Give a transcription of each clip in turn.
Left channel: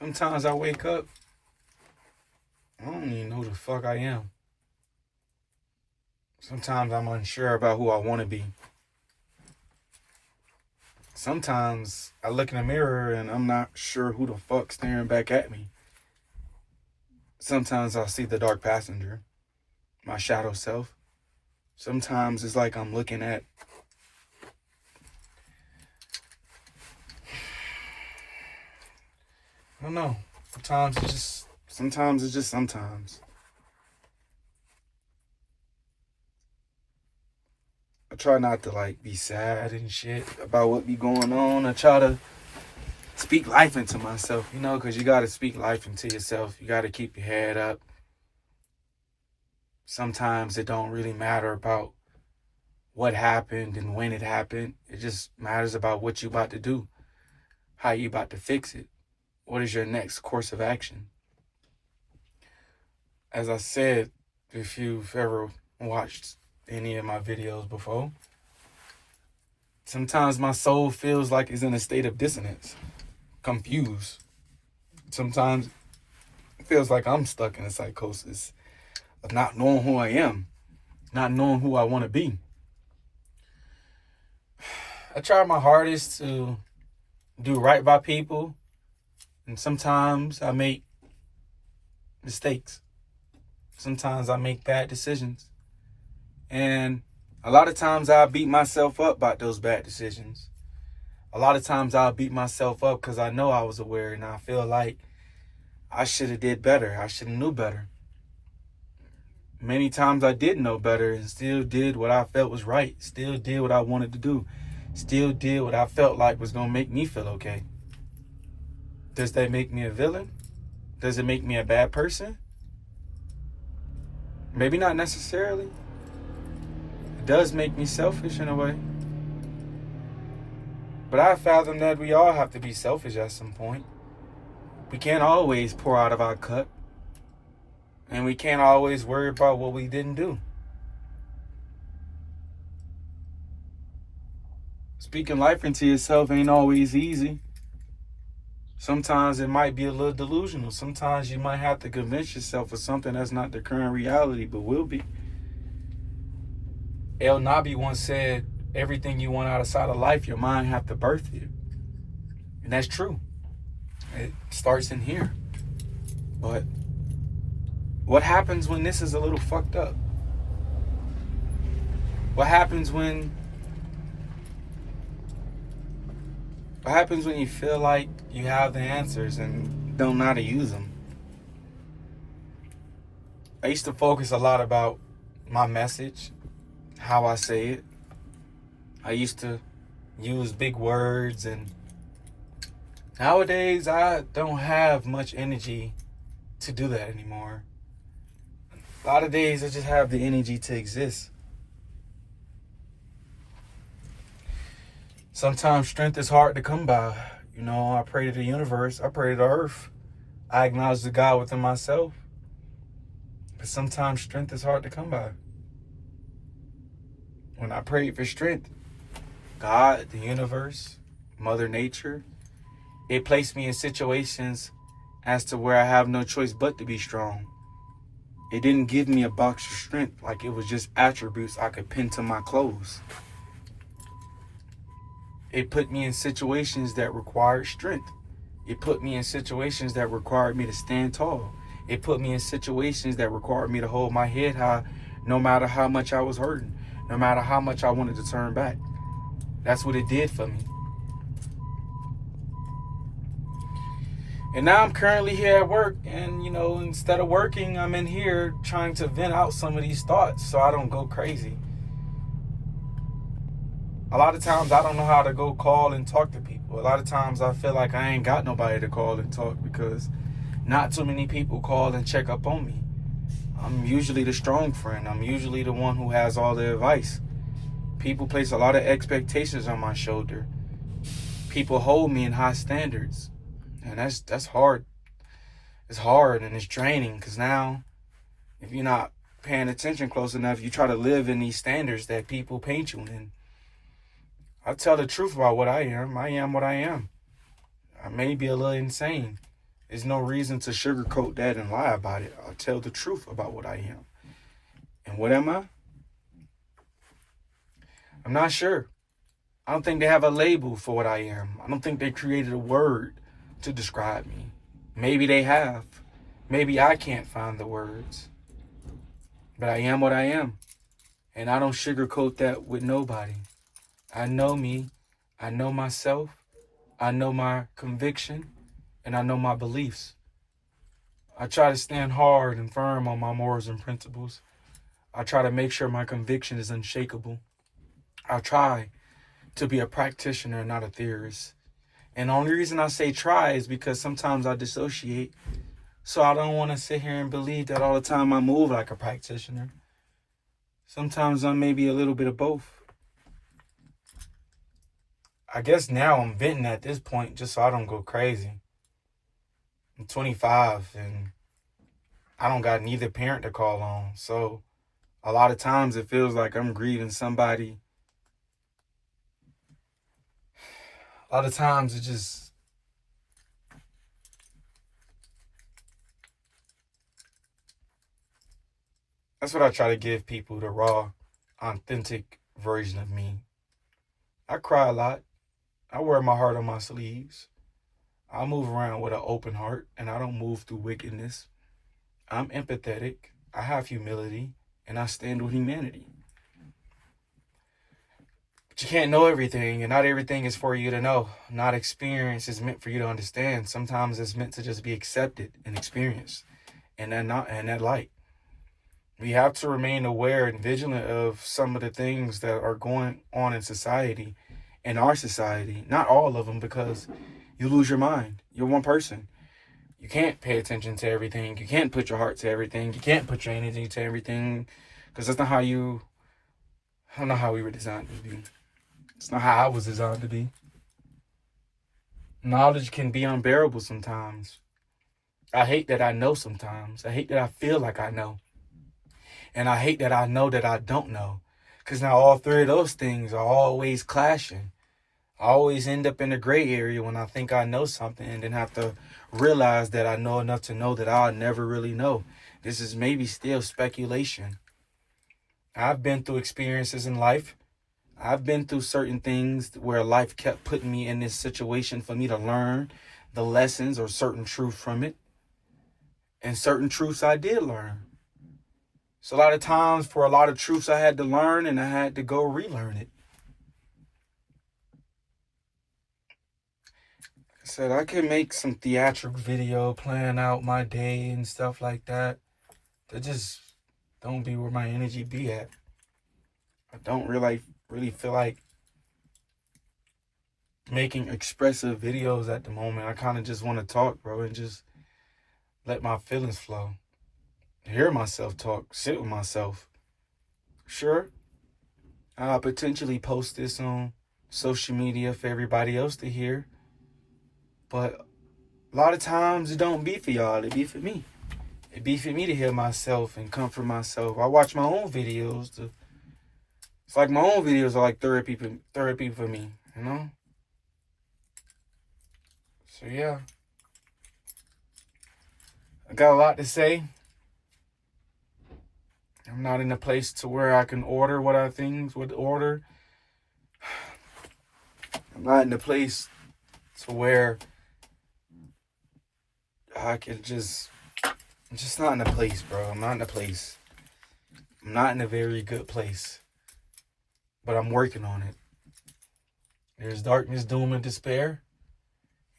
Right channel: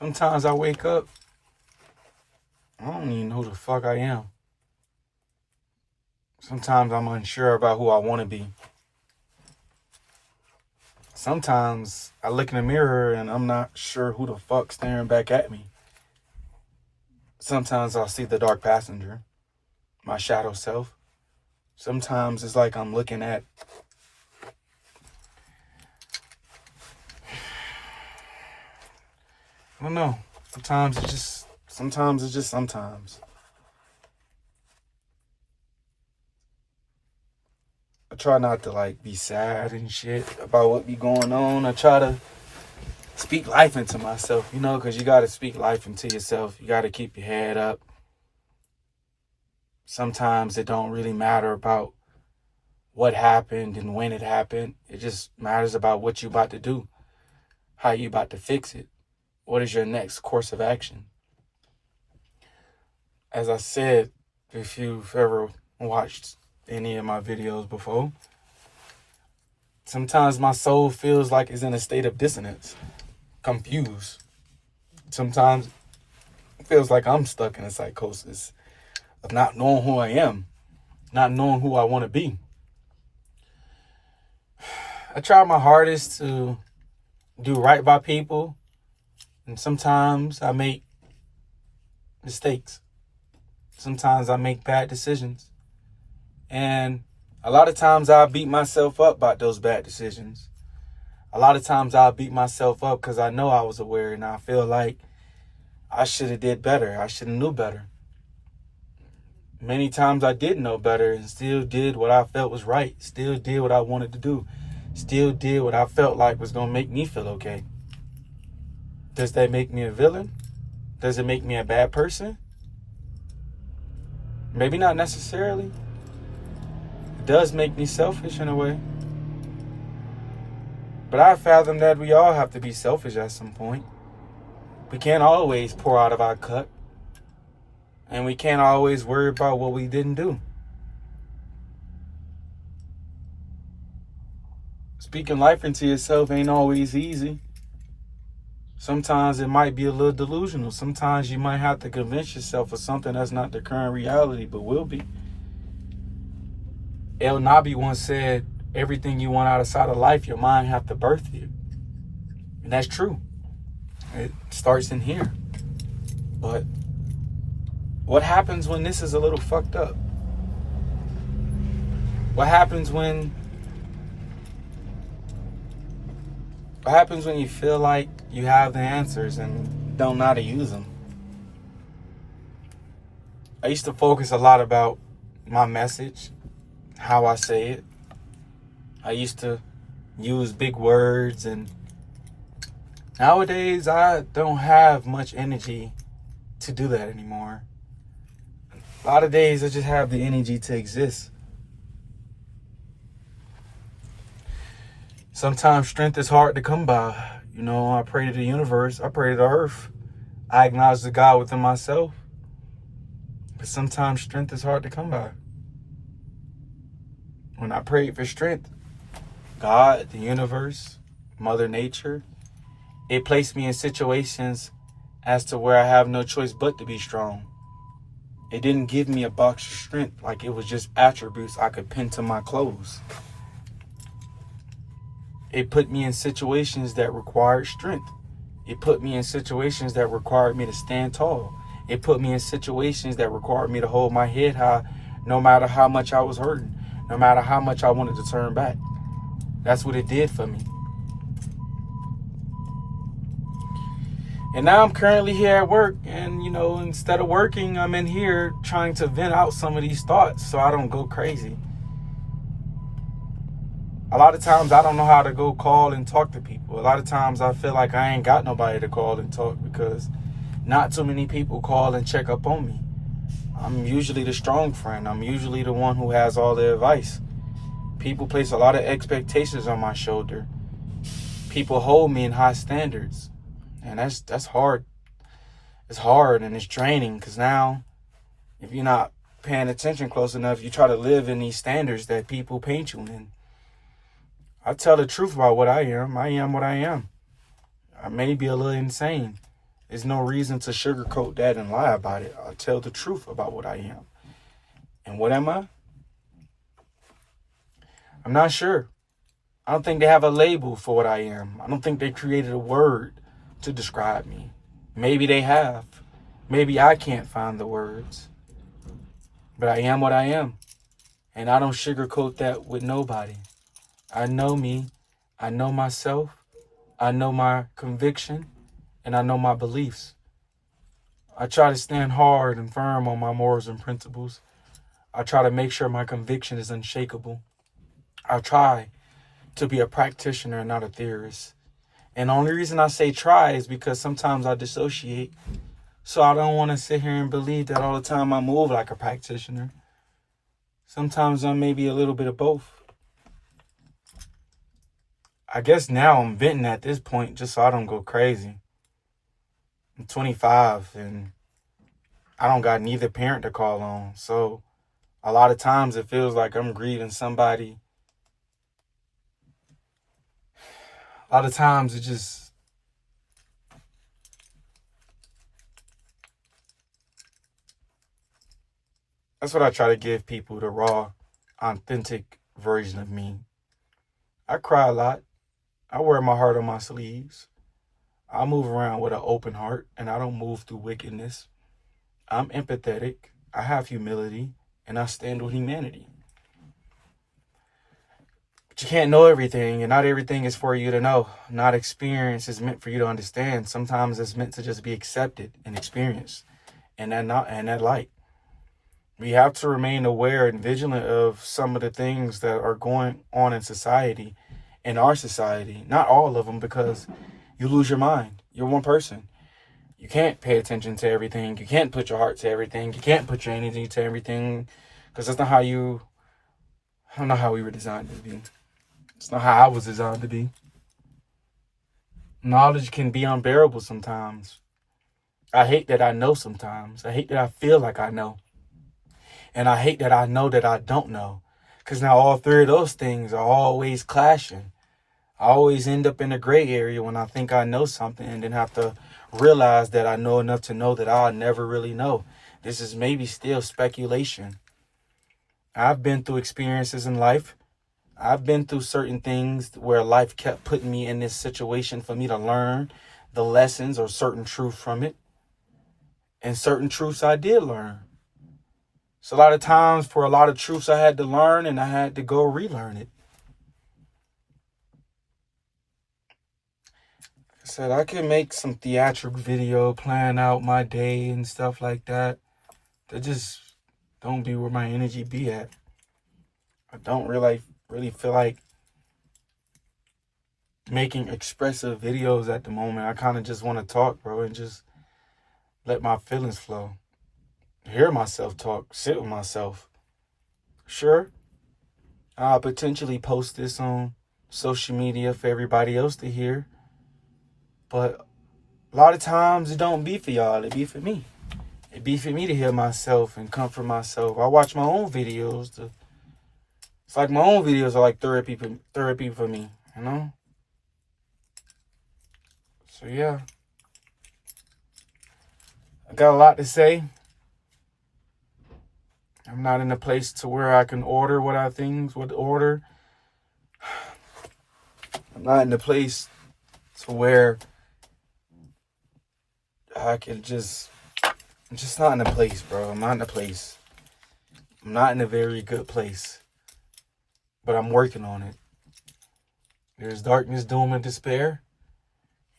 Sometimes I wake up, I don't even know who the fuck I am. Sometimes I'm unsure about who I want to be. Sometimes I look in the mirror and I'm not sure who the fuck's staring back at me. Sometimes I'll see the dark passenger, my shadow self. Sometimes it's like I'm looking at I don't know. Sometimes it's just sometimes. I try not to be sad and shit about what be going on. I try to speak life into myself, because you got to speak life into yourself. You got to keep your head up. Sometimes it don't really matter about what happened and when it happened. It just matters about what you about to do, how you about to fix it. What is your next course of action? As I said, if you've ever watched any of my videos before, sometimes my soul feels like it's in a state of dissonance, confused. Sometimes it feels like I'm stuck in a psychosis of not knowing who I am, not knowing who I want to be. I try my hardest to do right by people, and sometimes I make mistakes. Sometimes I make bad decisions. And a lot of times I'll beat myself up about those bad decisions. A lot of times I'll beat myself up because I know I was aware and I feel like I should have did better. I should have knew better. Many times I did know better and still did what I felt was right. Still did what I wanted to do. Still did what I felt like was going to make me feel okay. Does that make me a villain? Does it make me a bad person? Maybe not necessarily. It does make me selfish in a way. But I fathom that we all have to be selfish at some point. We can't always pour out of our cup. And we can't always worry about what we didn't do. Speaking life into yourself ain't always easy. Sometimes it might be a little delusional. Sometimes you might have to convince yourself of something that's not the current reality, but will be. El Nabi once said, everything you want outside of life, your mind have to birth you. And that's true. It starts in here. But what happens when this is a little fucked up? What happens when you feel like you have the answers and don't know how to use them? I used to focus a lot about my message, how I say it. I used to use big words, and nowadays I don't have much energy to do that anymore. A lot of days I just have the energy to exist. Sometimes strength is hard to come by. I pray to the universe. I pray to the earth. I acknowledge the God within myself. But sometimes strength is hard to come by. When I prayed for strength, God, the universe, Mother Nature, it placed me in situations as to where I have no choice but to be strong. It didn't give me a box of strength like it was just attributes I could pin to my clothes. It put me in situations that required strength. It put me in situations that required me to stand tall. It put me in situations that required me to hold my head high no matter how much I was hurting, no matter how much I wanted to turn back. That's what it did for me. And now I'm currently here at work, and instead of working, I'm in here trying to vent out some of these thoughts so I don't go crazy. A lot of times I don't know how to go call and talk to people. A lot of times I feel like I ain't got nobody to call and talk because not too many people call and check up on me. I'm usually the strong friend. I'm usually the one who has all the advice. People place a lot of expectations on my shoulder. People hold me in high standards. And that's hard. It's hard and it's draining because now if you're not paying attention close enough, you try to live in these standards that people paint you in. I tell the truth about what I am. I am what I am. I may be a little insane. There's no reason to sugarcoat that and lie about it. I'll tell the truth about what I am. And what am I? I'm not sure. I don't think they have a label for what I am. I don't think they created a word to describe me. Maybe they have. Maybe I can't find the words. But I am what I am. And I don't sugarcoat that with nobody. I know me. I know myself. I know my conviction. And I know my beliefs. I try to stand hard and firm on my morals and principles. I try to make sure my conviction is unshakable. I try to be a practitioner and not a theorist. And the only reason I say try is because sometimes I dissociate. So I don't want to sit here and believe that all the time I move like a practitioner. Sometimes I'm maybe a little bit of both. I guess now I'm venting at this point just so I don't go crazy. I'm 25 and I don't got neither parent to call on. So a lot of times it feels like I'm grieving somebody. A lot of times that's what I try to give people, the raw, authentic version of me. I cry a lot. I wear my heart on my sleeves. I move around with an open heart and I don't move through wickedness. I'm empathetic. I have humility and I stand with humanity. But you can't know everything and not everything is for you to know. Not experience is meant for you to understand. Sometimes it's meant to just be accepted and experienced and that light. We have to remain aware and vigilant of some of the things that are going on in society, in our society. Not all of them, because you lose your mind. You're one person. You can't pay attention to everything. You can't put your heart to everything. You can't put your energy to everything, because that's not how I don't know how we were designed to be. It's not how I was designed to be. Knowledge can be unbearable sometimes. I hate that I know sometimes. I hate that I feel like I know. And I hate that I know that I don't know. Because now all three of those things are always clashing. I always end up in a gray area when I think I know something and then have to realize that I know enough to know that I'll never really know. This is maybe still speculation. I've been through experiences in life. I've been through certain things where life kept putting me in this situation for me to learn the lessons or certain truth from it. And certain truths I did learn. So a lot of times for a lot of truths I had to learn and I had to go relearn it. I said I can make some theatrical video, plan out my day and stuff like that. That just don't be where my energy be at. I don't really feel like making expressive videos at the moment. I kind of just want to talk, bro, and just let my feelings flow. Hear myself talk, sit with myself. Sure, I'll potentially post this on social media for everybody else to hear. But a lot of times it don't be for y'all, it be for me. It be for me to hear myself and comfort myself. I watch my own videos. It's like my own videos are like therapy for me, you know? So yeah. I got a lot to say. I'm not in a place to where I can order what I think would order. I'm not in a place to where I can I'm just not in a place, bro. I'm not in a place. I'm not in a very good place. But I'm working on it. There's darkness, doom, and despair.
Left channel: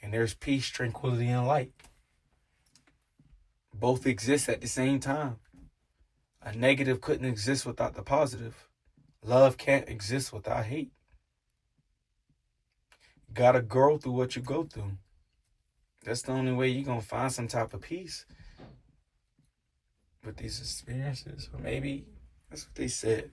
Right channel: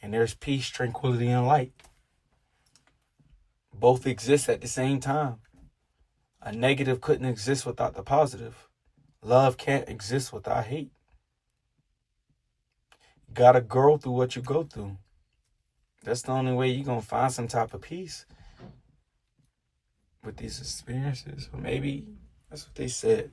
And there's peace, tranquility, and light. Both exist at the same time. A negative couldn't exist without the positive. Love can't exist without hate. You gotta grow through what you go through. That's the only way you're gonna find some type of peace with these experiences. Or maybe that's what they said.